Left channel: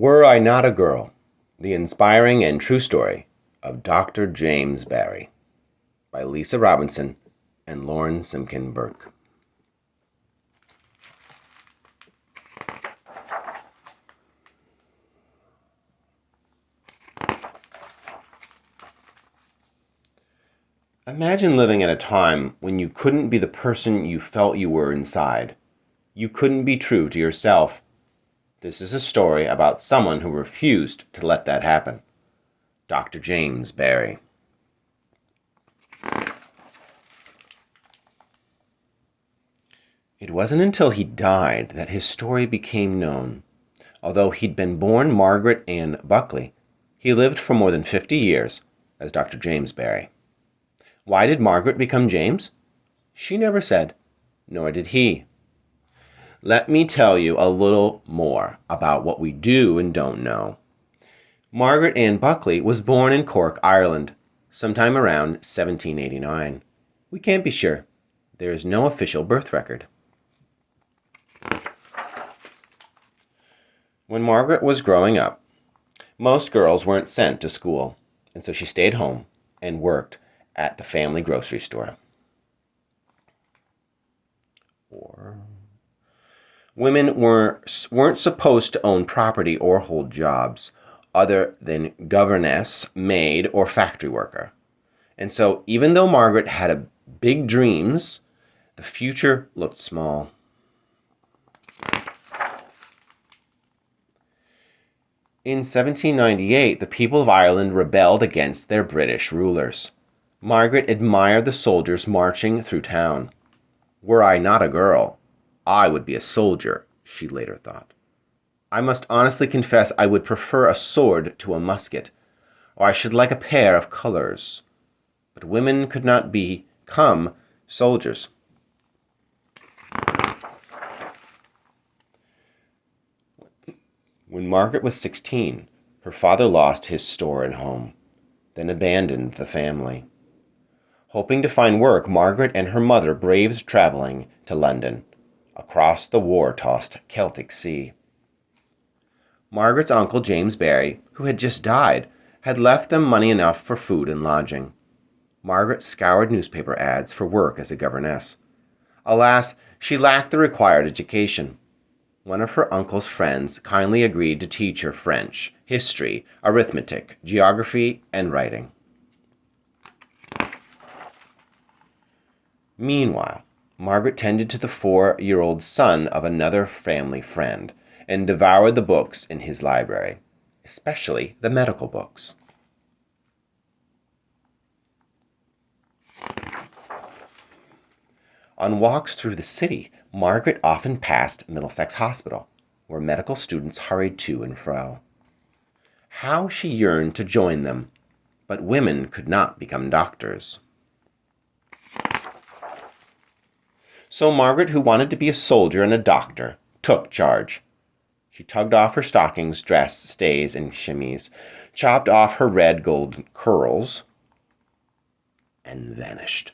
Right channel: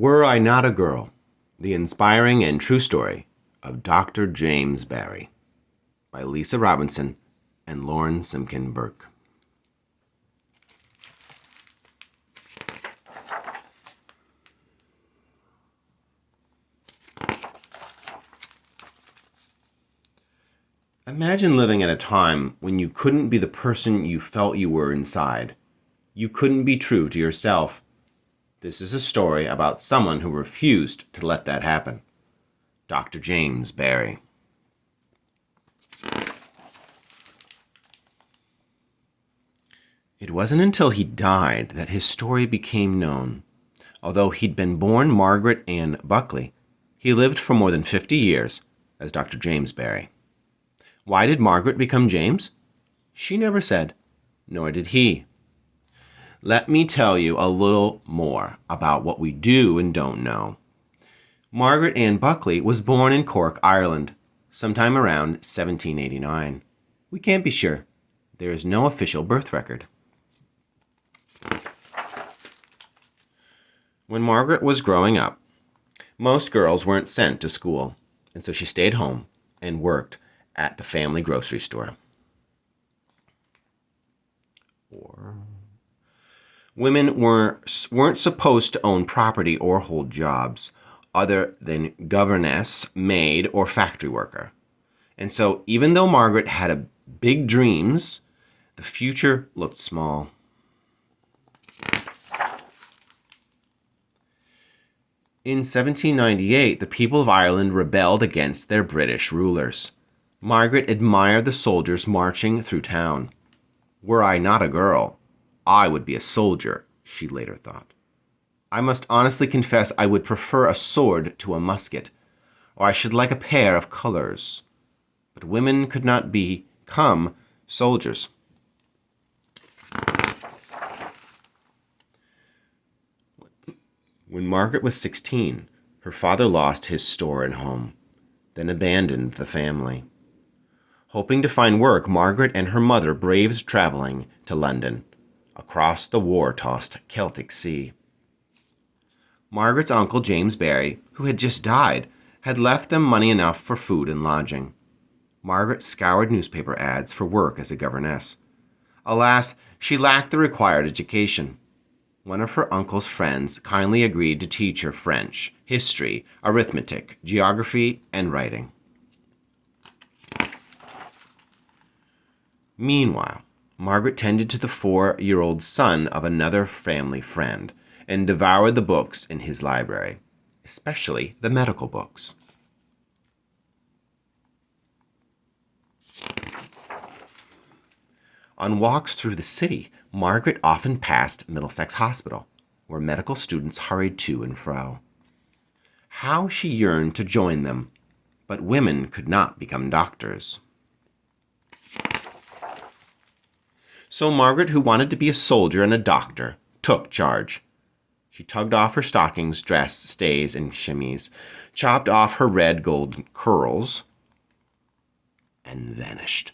Were I Not a Girl, the inspiring and true story of Dr. James Barrie by Lisa Robinson and Lauren Simkin Burke. Imagine living at a time when you couldn't be the person you felt you were inside. You couldn't be true to yourself. This is a story about someone who refused to let that happen. Dr. James Barrie. It wasn't until he died that his story became known. Although he'd been born Margaret Ann Buckley, he lived for more than 50 years as Dr. James Barrie. Why did Margaret become James? She never said, nor did he. Let me tell you a little more about what we do and don't know. Margaret Ann Buckley was born in Cork, Ireland, sometime around 1789. We can't be sure. There is no official birth record. When Margaret was growing up, most girls weren't sent to school, and so she stayed home and worked at the family grocery store. Women weren't supposed to own property or hold jobs other than governess, maid, or factory worker. And so even though Margaret had big dreams, the future looked small. In 1798, the people of Ireland rebelled against their British rulers. Margaret admired the soldiers marching through town. Were I not a girl, I would be a soldier, she later thought. I must honestly confess I would prefer a sword to a musket, or I should like a pair of colors. But women could not become soldiers. When Margaret was 16, her father lost his store and home, then abandoned the family. Hoping to find work, Margaret and her mother braved traveling to London, across the war-tossed Celtic Sea. Margaret's uncle, James Barrie, who had just died, had left them money enough for food and lodging. Margaret scoured newspaper ads for work as a governess. Alas, she lacked the required education. One of her uncle's friends kindly agreed to teach her French, history, arithmetic, geography, and writing. Meanwhile, Margaret tended to the 4-year-old son of another family friend and devoured the books in his library, especially the medical books. On walks through the city, Margaret often passed Middlesex Hospital, where medical students hurried to and fro. How she yearned to join them, but women could not become doctors. So Margaret, who wanted to be a soldier and a doctor, took charge. She tugged off her stockings, dress, stays, and chemise, chopped off her red gold curls, and vanished.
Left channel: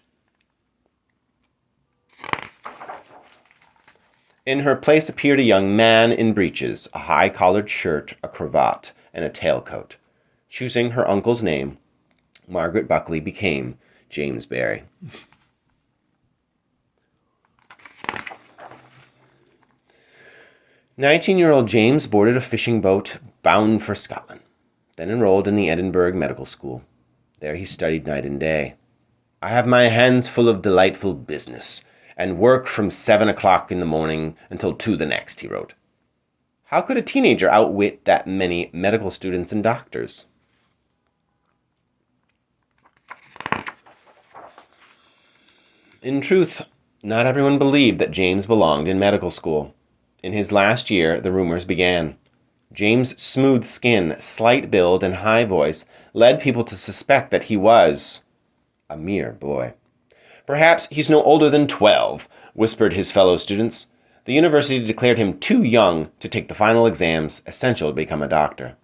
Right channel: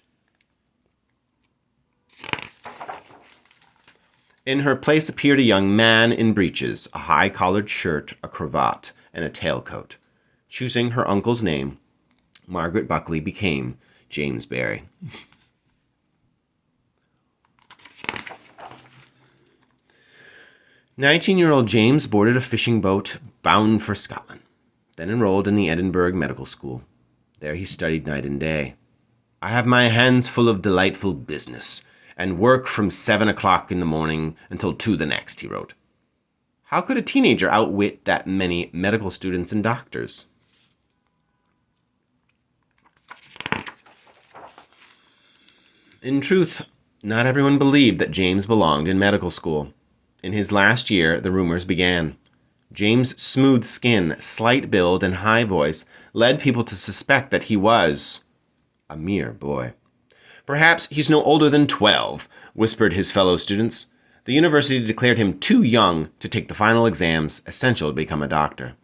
In her place appeared a young man in breeches, a high-collared shirt, a cravat, and a tailcoat. Choosing her uncle's name, Margaret Buckley became James Barrie. 19-year-old James boarded a fishing boat bound for Scotland, then enrolled in the Edinburgh Medical School. There he studied night and day. I have my hands full of delightful business, and work from 7 o'clock in the morning until 2 the next, he wrote. How could a teenager outwit that many medical students and doctors? In truth, not everyone believed that James belonged in medical school. In his last year, the rumors began. James' smooth skin, slight build, and high voice led people to suspect that he was a mere boy. Perhaps he's no older than 12, whispered his fellow students. The university declared him too young to take the final exams essential to become a doctor.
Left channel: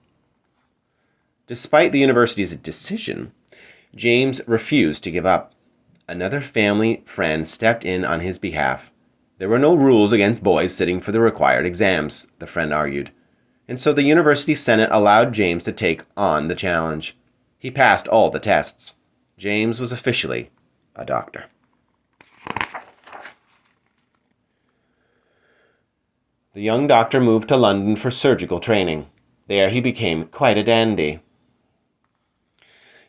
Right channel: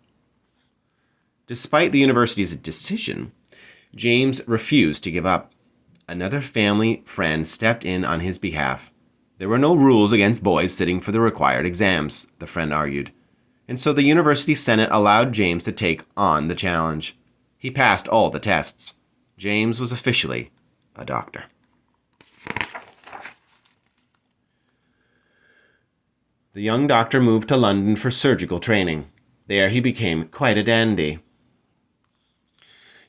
Despite the university's decision, James refused to give up. Another family friend stepped in on his behalf. There were no rules against boys sitting for the required exams, the friend argued. and so the University Senate allowed James to take on the challenge. He passed all the tests. James was officially a doctor. The young doctor moved to London for surgical training. There he became quite a dandy.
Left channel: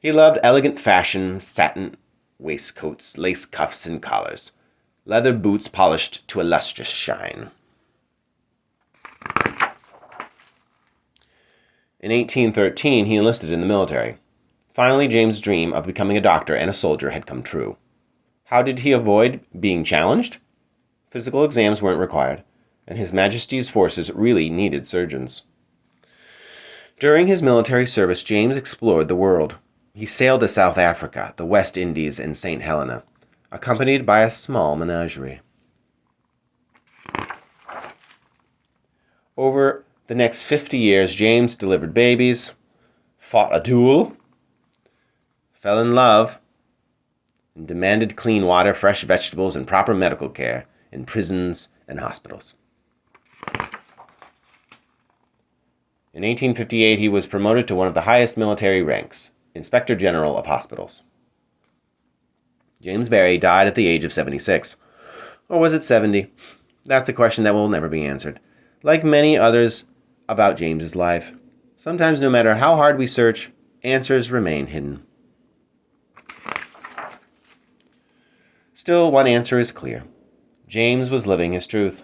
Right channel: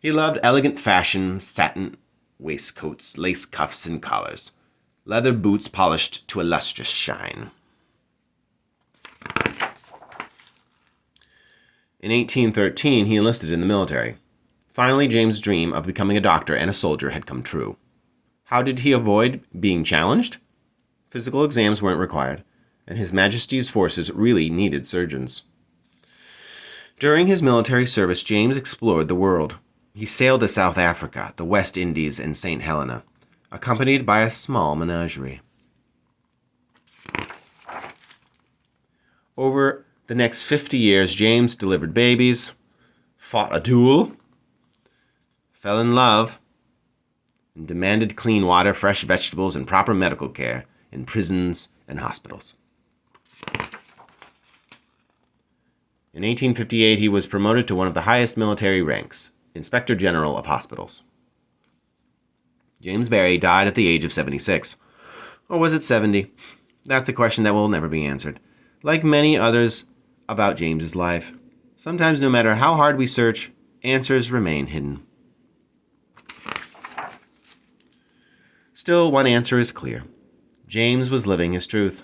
He loved elegant fashion, satin waistcoats, lace cuffs and collars, leather boots polished to a lustrous shine. In 1813, he enlisted in the military. Finally, James' dream of becoming a doctor and a soldier had come true. How did he avoid being challenged? Physical exams weren't required, and His Majesty's forces really needed surgeons. During his military service, James explored the world. He sailed to South Africa, the West Indies, and St. Helena, accompanied by a small menagerie. Over the next 50 years, James delivered babies, fought a duel, fell in love, and demanded clean water, fresh vegetables, and proper medical care in prisons and hospitals. In 1858, he was promoted to one of the highest military ranks, Inspector General of Hospitals. James Barry died at the age of 76. Or was it 70? That's a question that will never be answered. Like many others about James's life, sometimes no matter how hard we search, answers remain hidden. Still, one answer is clear. James was living his truth.